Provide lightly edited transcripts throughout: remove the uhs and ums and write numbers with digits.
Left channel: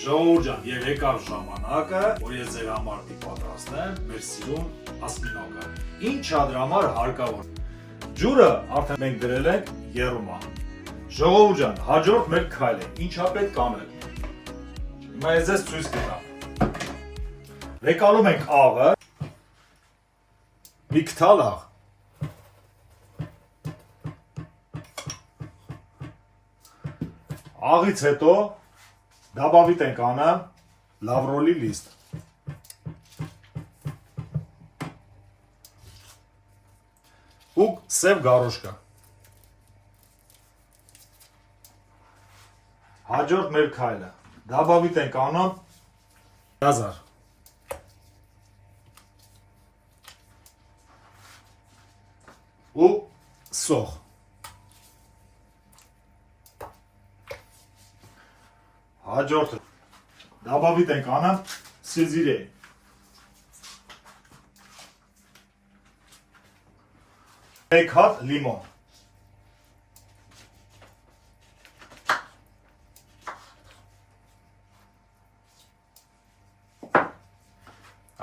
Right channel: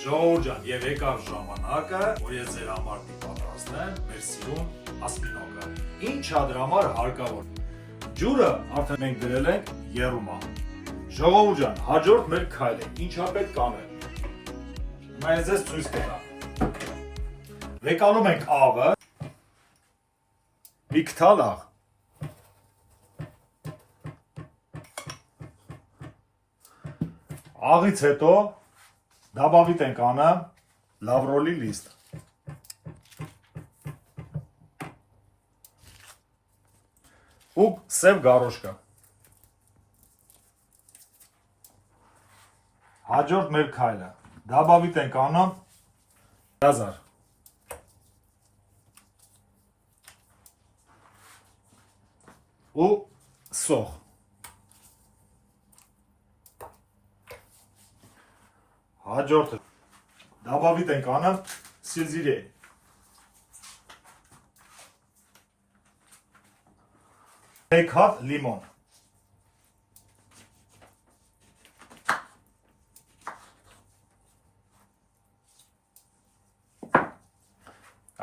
Ժողովուրդ ջան, եւ եկավ ժամանակը, որ ես ձեր համար պատրաստեմ մեր սիրուն ասպինոկը։ Ինչ է դրա համար հարկավոր։ Ջուրը արդեն մենք դրել ենք եռումա։ Ժողովուրդ ջան, հաջորդ մեր քայլը ինչա պետք անել։ Հիմա ես ձեզ ցույց կտամ։ Վեկանում ենք աղը, մի քթալ աղ։ Աղից հետո դաբավիտ ենք անը լավրոլի լիստ։ Ու սև գարոշկա։ Հաջորդ մեր քայլը դաբավիտ ենք անում գազար։ Ու սոխ։ Հաջորդը դաբավիտ ենք անում սիզիրե։ Մեկ հատ լիմոն։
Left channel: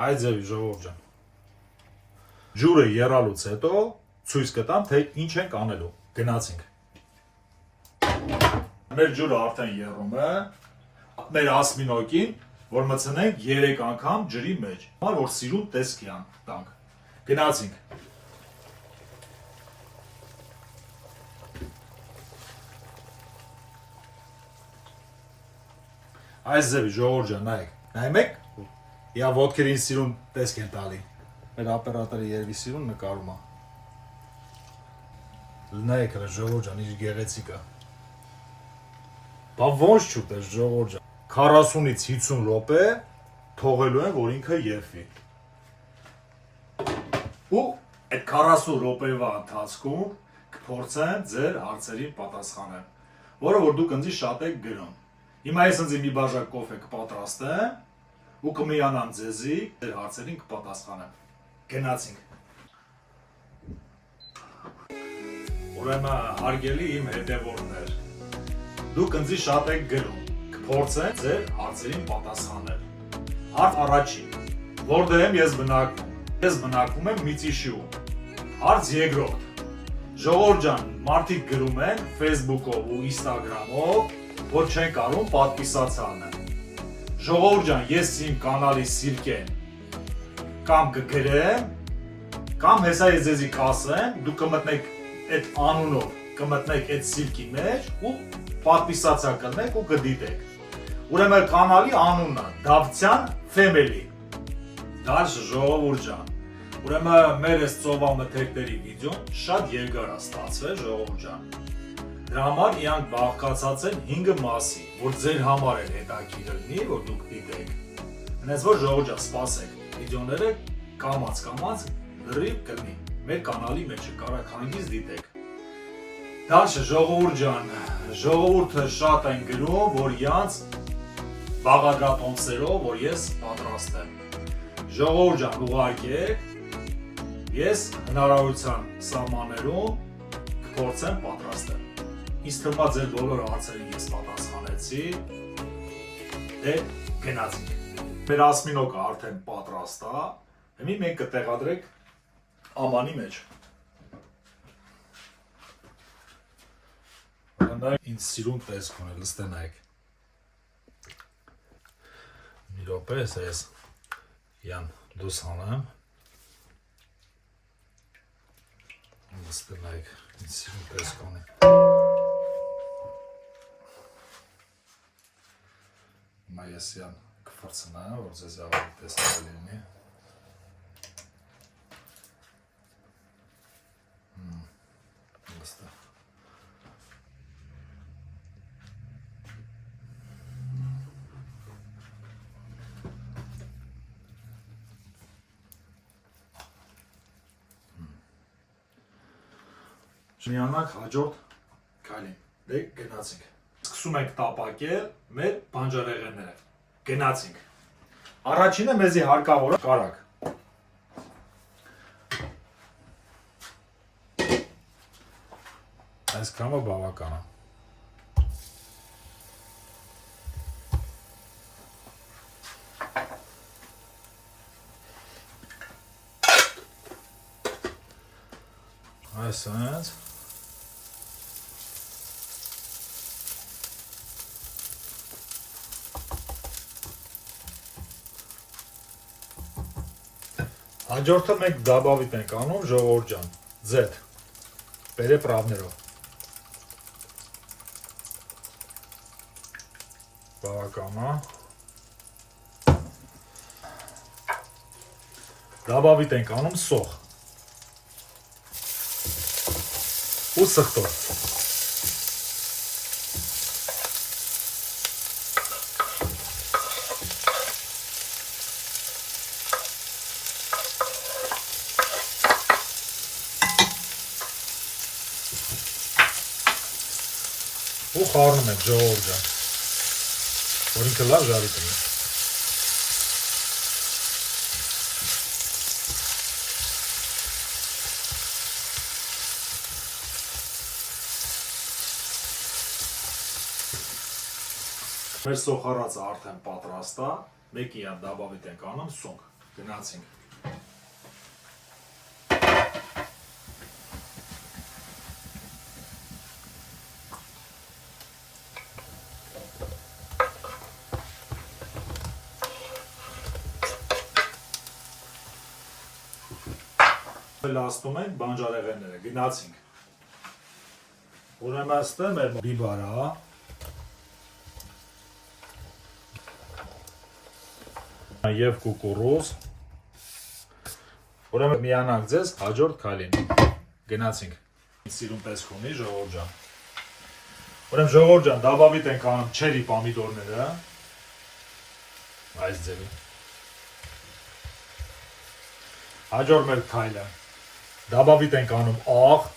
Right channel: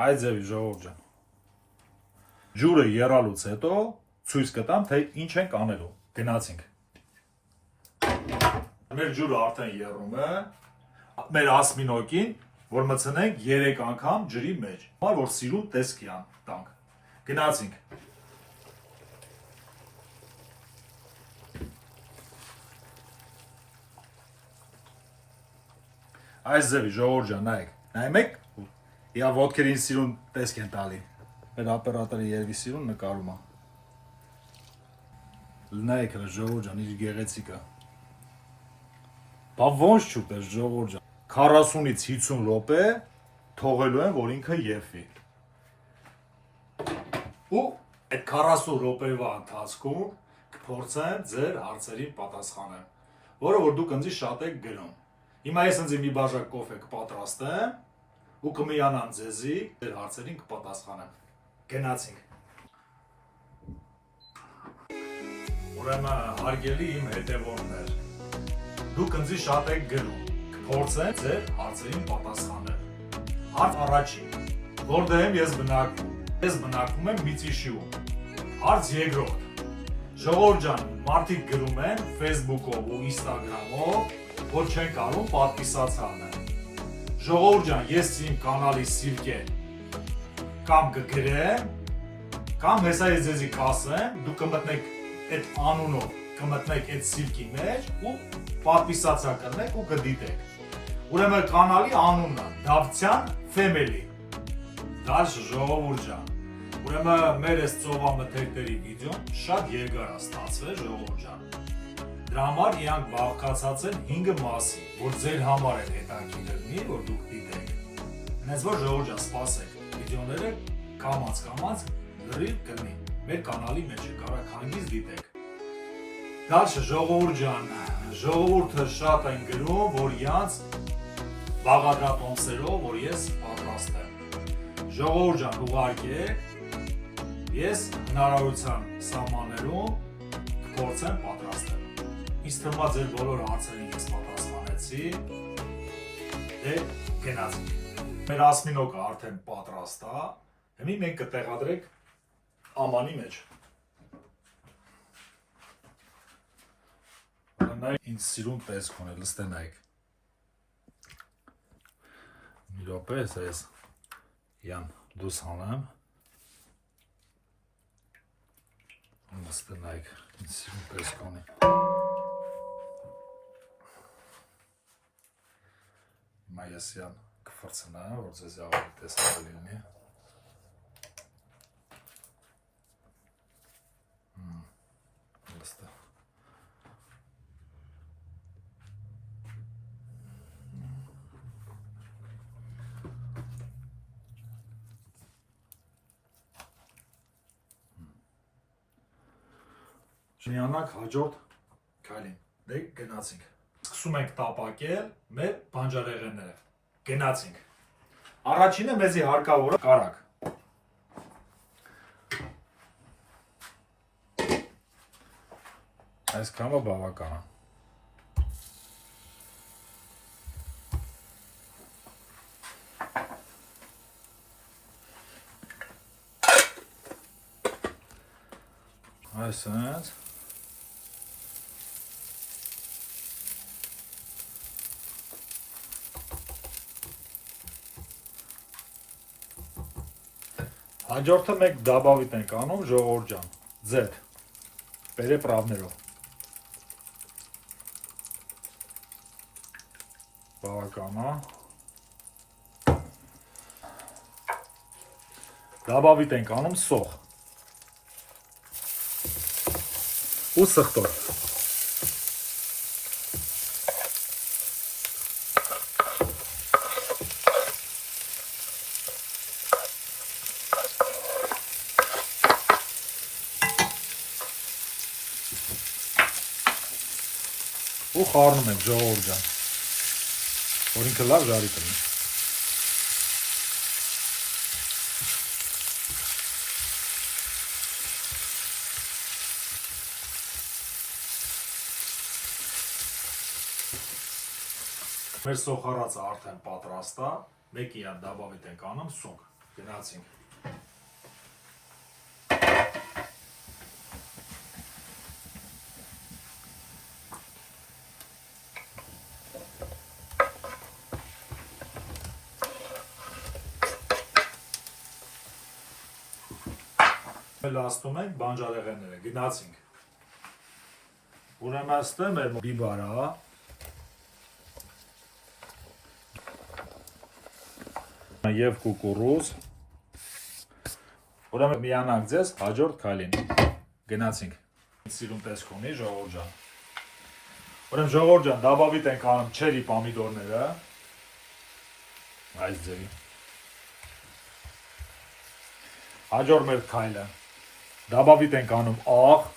Այ ձևի ժողովուրդ ջան։ Ջուրը եռալուց հետո ցույց կտամ, թե ինչ ենք անելու։ Գնացինք։ Մեր ջուրը արդեն եռում է, մեր ասմինոկին, որ մտցնենք 3 անգամ ջրի մեջ, որ սիրուն տեսքի տանք։ Գնացինք։ Այս ձևի ժողովուրդ ջան, նայեք։ Նայում եք։ Իա ոտքերին սիրուն տեսք են տալի։ Մեր օպերատորը երևի սիրուն նկարում է։ Նայեք հələ ժողովուրդ ջան, իր գեղեցիկը։ Բա ոնց չուտես ժողովուրդ ջան։ 40-ից 50 րոպե թողելու են, որ ինքը եփվի։ Ու այդ 40 րոպեվա ընթացքում կփորձեմ ձեր հարցերին պատասխանել, որը որ դուք ինձ շատ եք գրում։ Հիմա ես ինձ մի բաժակ կոֆե կպատրաստեմ ու կմիանամ ձեզի ձեր հարցերին կպատասխանեմ։ Գնացինք։ Ուրեմն հարգելի իմ հետևորդներ, դուք ինձ շատ եք գրում, կփորձեմ ձեր հարցերին պատասխանել։ Հարց առաջին. որտեղ եմ ես բնակվում։ Ես բնակվում եմ Միծիշիում։ Հարց երկրորդ. ժողովուրդ ջան, մարդիկ գրում են Facebook-ով ու Instagram-ով, որ չեն կարող պատվիսած անել։ Ժողովուրդ ջան, ես իմ կանալի սիրկեն կամ կգրեմ, կամ հեսա ես ձեզի կասեմ, դուք կմտնեք այդ անունով, կմտնեք այդ սիրկի մեջ ու պատվիսացիա կնեք ու կդիտեք։ Ուրեմն կանալի անունն է Դավթյան Family։ Դաշ ժողովուրդ ջան։ Ուրեմն մեր այս ծովամթերքների վիդեոն շատ երկար է ստացվել ժողովուրդ ջան։ Դրա համար իրանք բաղկացած են 5 մասի, որ ձեր համար էլ հետաքրքիր լինի, որ դուք դիտեք։ Հենց որ ժողովուրդ ջան, սպասեք, վիդեոները կամաց լրիվ կլինի։ Մեր կանալի մեջ կարաք հանգիստ դիտեք։ Դաշ ժողովուրդ ջան, ժողովուրդը շատ են գրում, որ իրանց բաղադրատոմսերով, որ ես պատրաստեմ։ Ժողովուրդ ջան, ուղարկեք, ես հնարավորության սահմաններում կփորձեմ պատրաստել։ Ինձ թվում է ձեր բոլոր հարցերին ես պատասխանեցի։ Դե գնացինք։ Մեր ասմինոկը արդեն պատրաստ է։ Հիմա մենք կտեղադրենք ամանի մեջ։ Նայեք, ինձ սիրուն տեսք ունի, լստենայեք։ Մի րոպե, ես յան դուս հանեմ։ Լստենայեք, ինձ սիրուն տեսք ունի։ Հիմա ես յան կվրցնայեմ, որ ձեզ ավելի տեսքով լինի։ Լստա։ Միանանք հաջորդ քայլին։ Դե գնացինք։ Սկսում ենք տապակել մեր բանջարեղենները։ Գնացինք։ Առաջինը մեզի հարկավոր է կարակ։ Այսքանը բավական է։ Այսպես Հաջորդը մենք դաբավիտ ենք անում ժողովուրդ ջան, ձեթ, բերե պրավներով, բավականա, դաբավիտ ենք անում սող, ու սխտով, ու խառնում ենք ժողովուրդ ջան, որ ինքը լավ ժարի կլինի։ Մեր սոխարածը արդեն պատրաստ է, մեկի հատ դաբավիտ ենք անում սունկ, գնացինք։ Լաստում ենք բանջարեղենները, գնացինք։ Ուրեմն այստեղ մեր բիբարա, և կուկուրուզ, ուրեմն միանանք ձեզ հաջորդ քայլին, գնացինք։ Սիրուն տեսք ունի ժողովուրդ ջան։ Ուրեմն ժողովուրդ ջան, դաբավիտ ենք անում չերի պամիդորները, այս ձևի։ Հաջորդ մեր քայլը, դաբավիտ ենք անում աղ,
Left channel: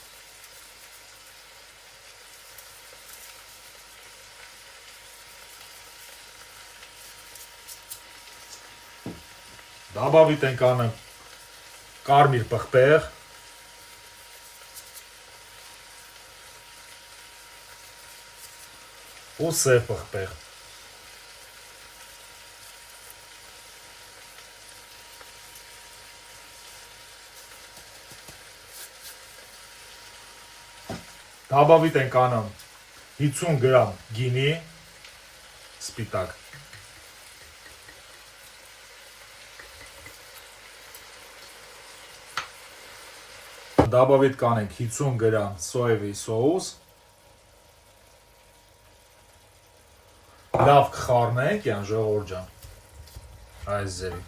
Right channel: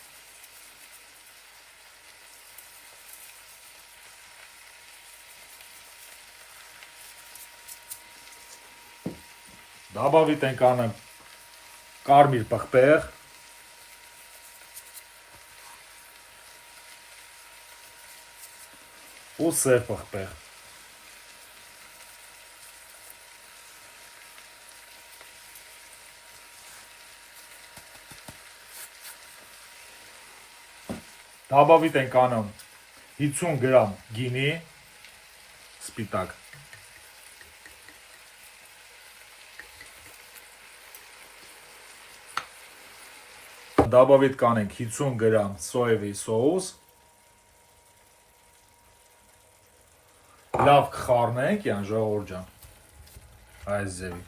դաբավիտ ենք անում կարմիր պղպեղ, ու սև պղպեղ։ Դաբավիտ ենք անում 50 գրամ գինի, սպիտակ։ Դաբավիտ կանենք 50 գրամ սոևի սոուս, լավ կխառնենք, յան ժողովուրդ ջան, այս ձևի։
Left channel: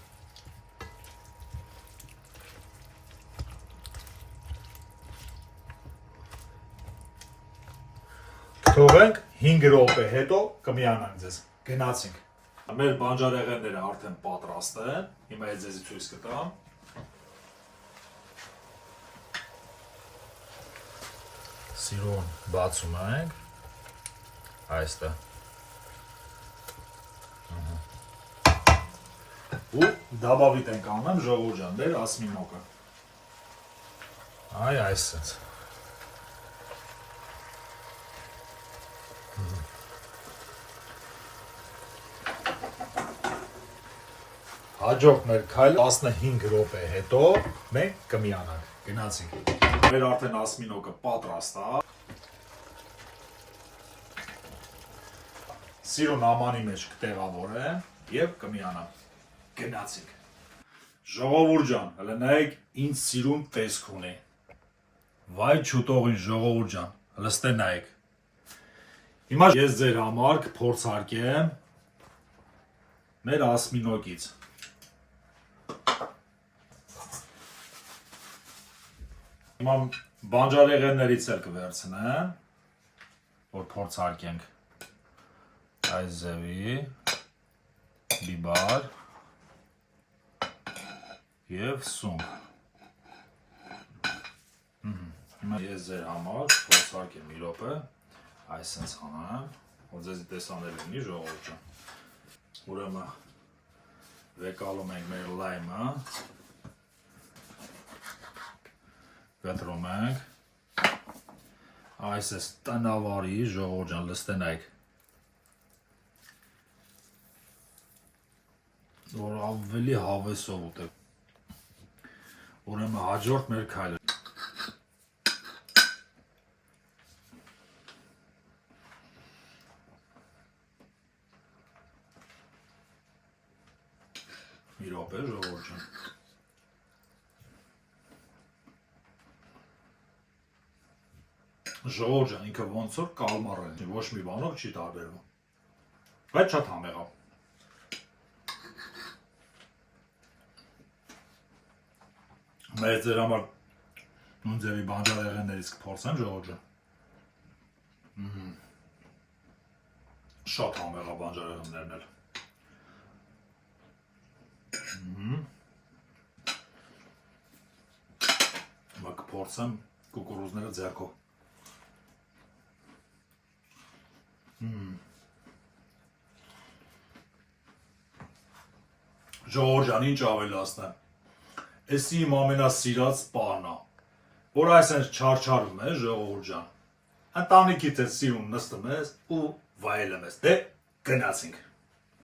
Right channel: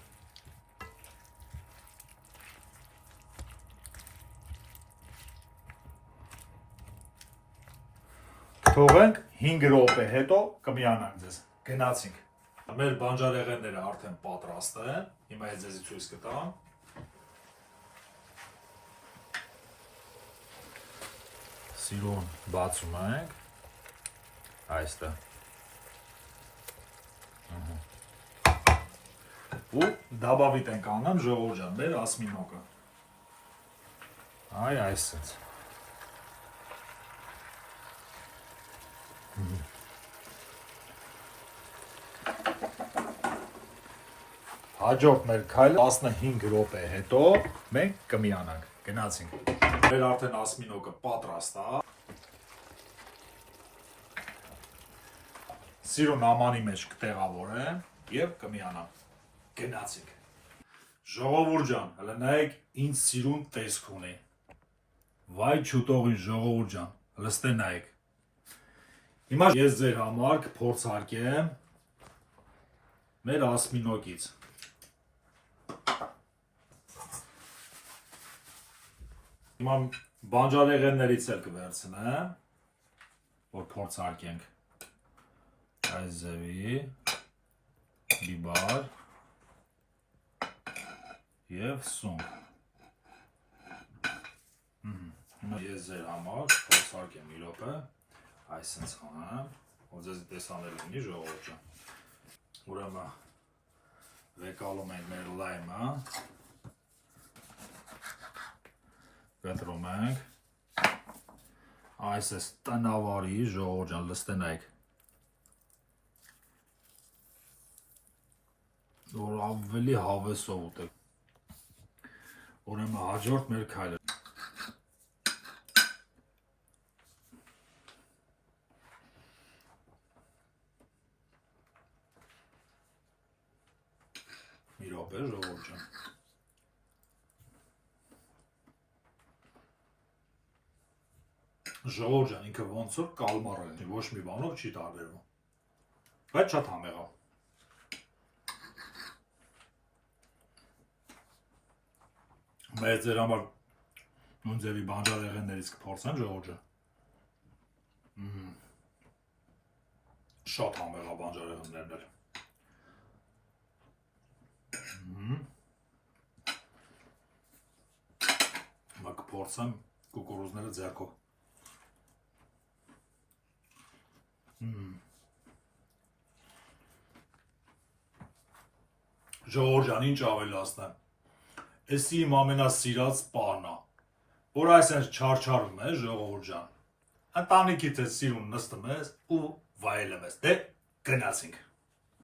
Թողենք 5 րոպե հետո կմիանանք ձեզ, գնացինք։ Մեր բանջարեղենները արդեն պատրաստ են, հիմա ես ձեզի ցույց կտամ։ Սիրուն բացում ենք, այստեղ։ Ու դաբավիտ ենք անում ժողովուրդ ջան, մեր ասմինոկը։ Այ այսպես։ Հաջորդ մեր քայլ 15 րոպե հետո մենք կմիանանք, գնացինք։ Մեր արդեն ասմինոկը պատրաստ է։ Սիրուն ամանի մեջ կտեղավորեմ և կմիանամ, գնացինք։ Ժողովուրդ ջան, հələ նայեք ինձ սիրուն տեսք ունի։ Վայ չուտողին ժողովուրդ ջան, հələ ստե նայեք։ Հիմա ես ձեր համար կփորձարկեմ մեր ասմինոկից։ Հիմա բանջարեղեններից էլ կվերցնեմ, որ փորձարկենք այս ձևի, բիբար և սունկ։ Հիմա ես ձեր համար փորձարկեմ մի րոպե, այսպես անեմ, որ ձեզ տեսանել լինի ժողովուրդ ջան։ Ուրեմն վեկալում ենք մեր լայմը, կտրում ենք, այսպես տնավարի ժողովուրդ ջան, լստենայք, որ ավելի հավեսով ուտեք։ Ուրեմն հաջորդ մեր քայլը։ Մի րոպե, ժողովուրդ ջան։ Ժողովուրդ ջան, ինքը ոնց որ կալմար է, ոչ մի բանով չի տարբերվում։ Բայց շատ համեղ է։ Մեր ձեր համար նույն ձևի բանջարեղեններից կփորձեմ, ժողովուրդ ջան։ Շատ համեղ է բանջարեղեններն էլ։ Հիմա կփորձեմ կուկուրուզները ձեռքով։ Ժողովուրդ ջան, ինչ ավելացնեմ։ Էսի իմ ամենասիրած պահն է, որ այսպես չարչարում է, ժողովուրդ ջան։ Ընտանիքիդ հետ սիրուն նստում ես ու վայելում ես։ Դե գնացինք։